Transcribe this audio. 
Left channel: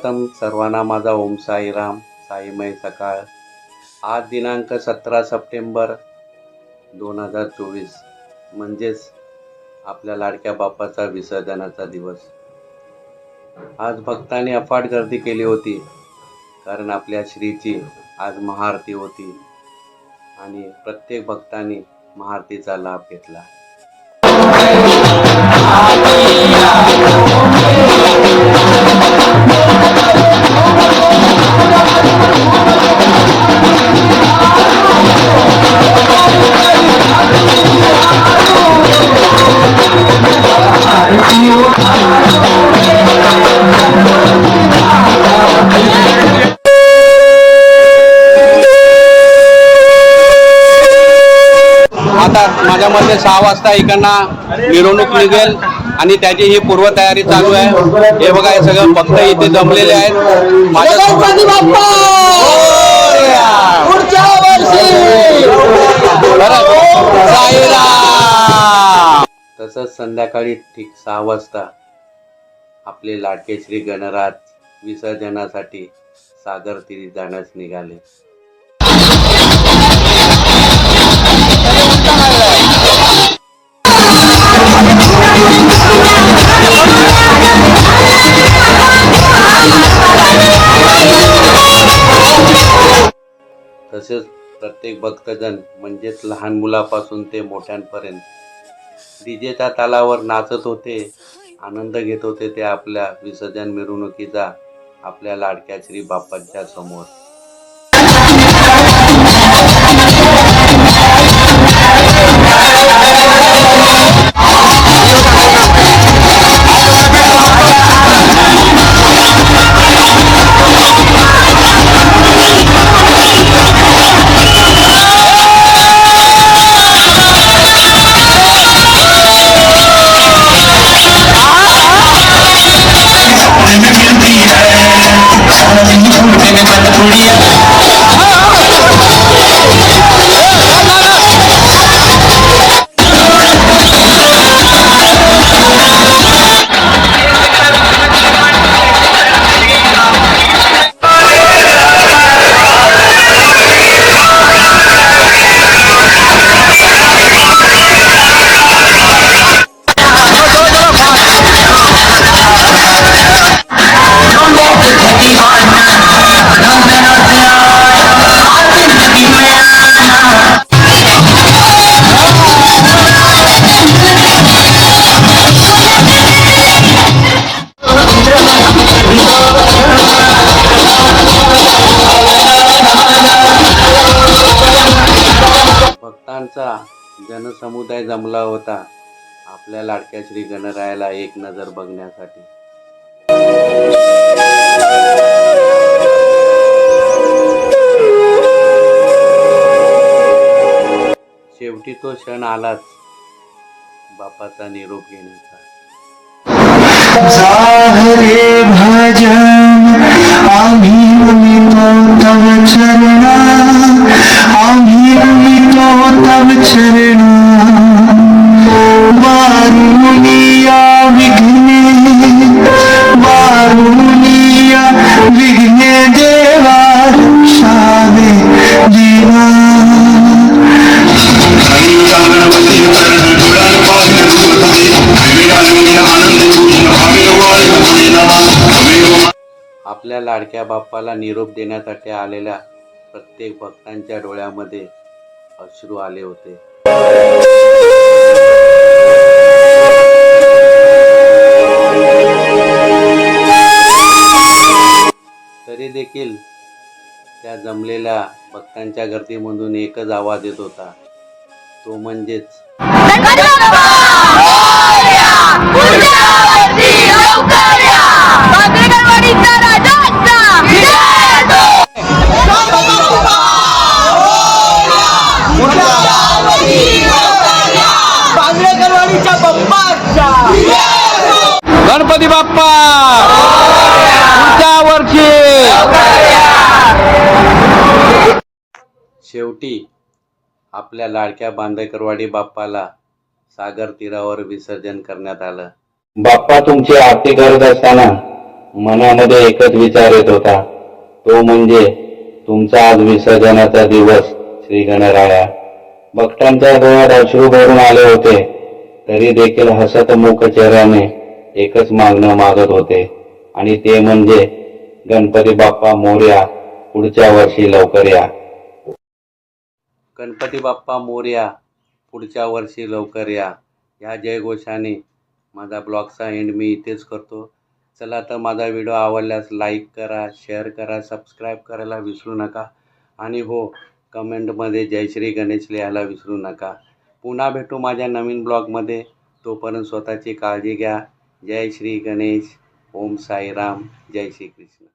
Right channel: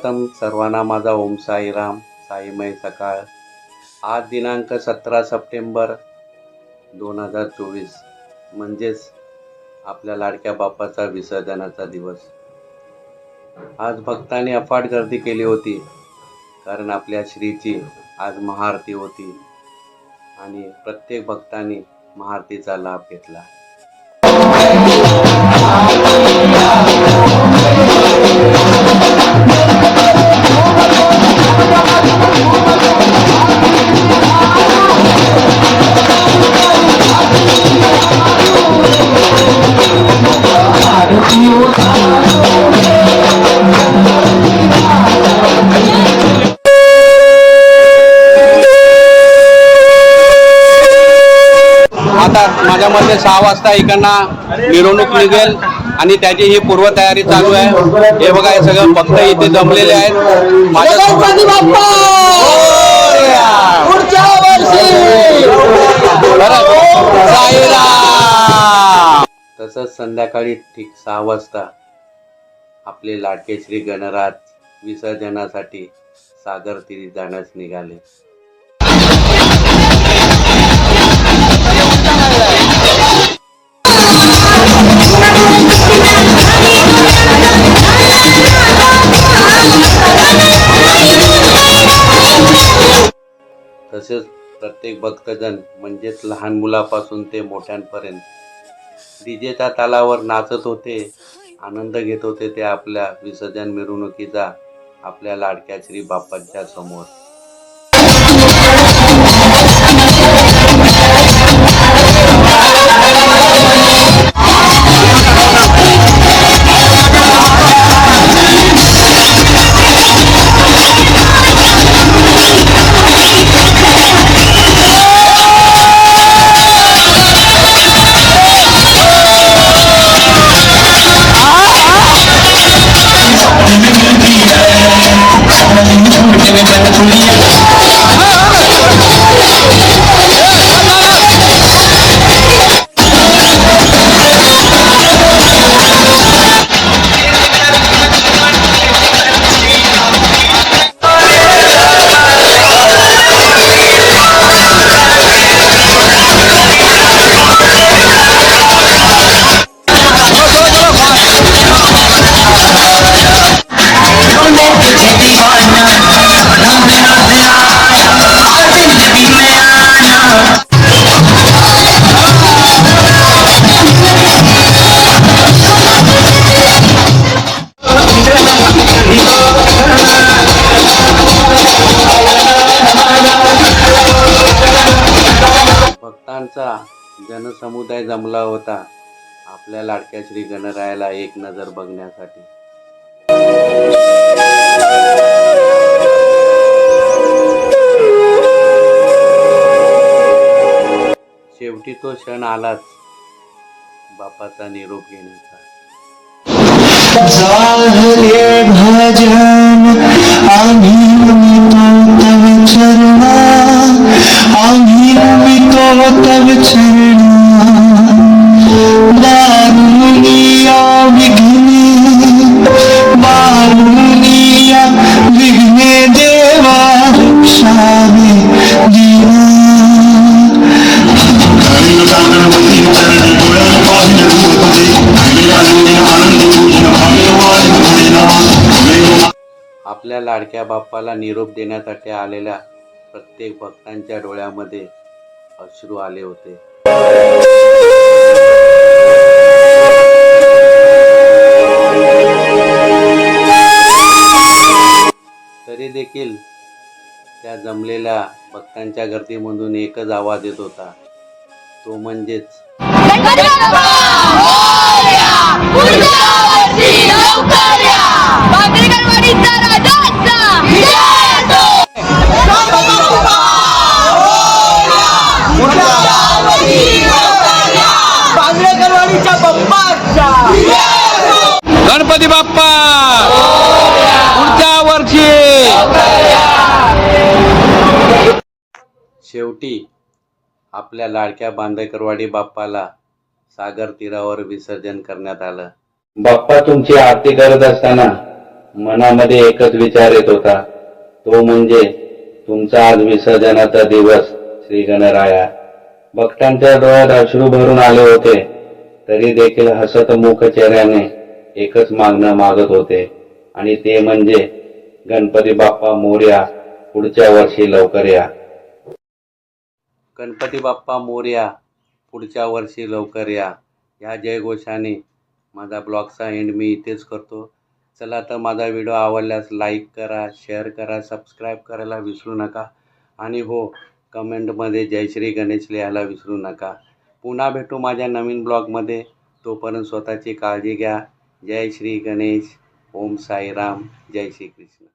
सर्वप्रथम सर्वांना माझा ओम साईराम साईमय सकाळ. आज दिनांक सतरा सप्टेंबर दोन हजार चोवीस. म्हणजेच आपल्या लाडक्या बाप्पाचा विसर्जनाचा दिवस. आज भक्तांनी अफाट गर्दी केली होती कारण आपल्या श्रीची आज महाआरती होती. आणि प्रत्येक भक्तांनी महाआरतीचा लाभ घेतला. आता माझ्या मते सहा वाजता इकडनं मिरवणूक निघेल आणि त्याची ही पूर्वतयारी चालू आहे. हे बघा हे सगळं भक्त इथे जमलेले आहेत. माझ्या तसंच संध्याकाळी ठीक सहा वाजता आपले लाडके श्री गणराज विसर्जनासाठी सागर तीरी जाण्यास निघाले. तसेच प्रत्येक भक्तजन म्हणजेच लहान मुलापासून ते मोठ्यांपर्यंत डीजेच्या तालावर नाचत होते आनंद घेत होते ते आपल्या विसर्जन मिरवणुकीचा आपल्या लाडक्या श्री बाप्पांच्या समोर. जनसमुदाय जमला होता आपल्या लाडक्या श्री गणरायाला एक नजर बघण्यासाठी. शेवटी तो क्षण आलाच बापाचा निरोप घेण्याचा. हरे भजन आम्ही नमितो तव चरणा आम्ही नमितो तव चरणा. आपल्या लाडक्या बाप्पाला निरोप देण्यासाठी आलेल्या प्रत्येक भक्तांच्या डोळ्यामध्ये अश्रू आले होते. तरी देखील त्या जमलेल्या भक्तांच्या गर्दीमधून एकच आवाज येत होता. तो म्हणजेच बांगडेकरवाडीच्या गणपती बाप्पा. पुढच्या वर्षी. शेवटी आपल्या लाडक्या बांदेकरवाडी बाप्पाला सागर तीरावर विसर्जन करण्यात आलं. बाप्पा तुमची आरती करत असताना मनामध्ये एकच विचार येत होता. तो म्हणजे तुमचा आज विसर्जनाचा दिवस श्री गणराया भक्तांच्या डोळ्यात अश्रू भरून आले होते. तरी देखील हसत मुख चेहऱ्याने एकच मागणं मागत होते. आणि ते म्हणजे गणपती बाप्पा मोर्या पुढच्या वर्षी लवकर या. गणपती बाप्पा मोर्या पुढच्या वर्षी लवकर या. या जयघोषाने माझा ब्लॉगचा एंड मी इथेच करतो. चला तर माझा व्हिडिओ आवडल्यास लाईक करा शेअर करा सबस्क्राईब करायला विसरू नका. आणि हो कमेंटमध्ये जय श्री गणेश लिहायला विसरू नका. पुन्हा भेटू माझ्या नवीन ब्लॉगमध्ये. तोपर्यंत स्वतःची काळजी घ्या. जय श्री गणेश. ओम साईराम. जय श्री कृष्ण.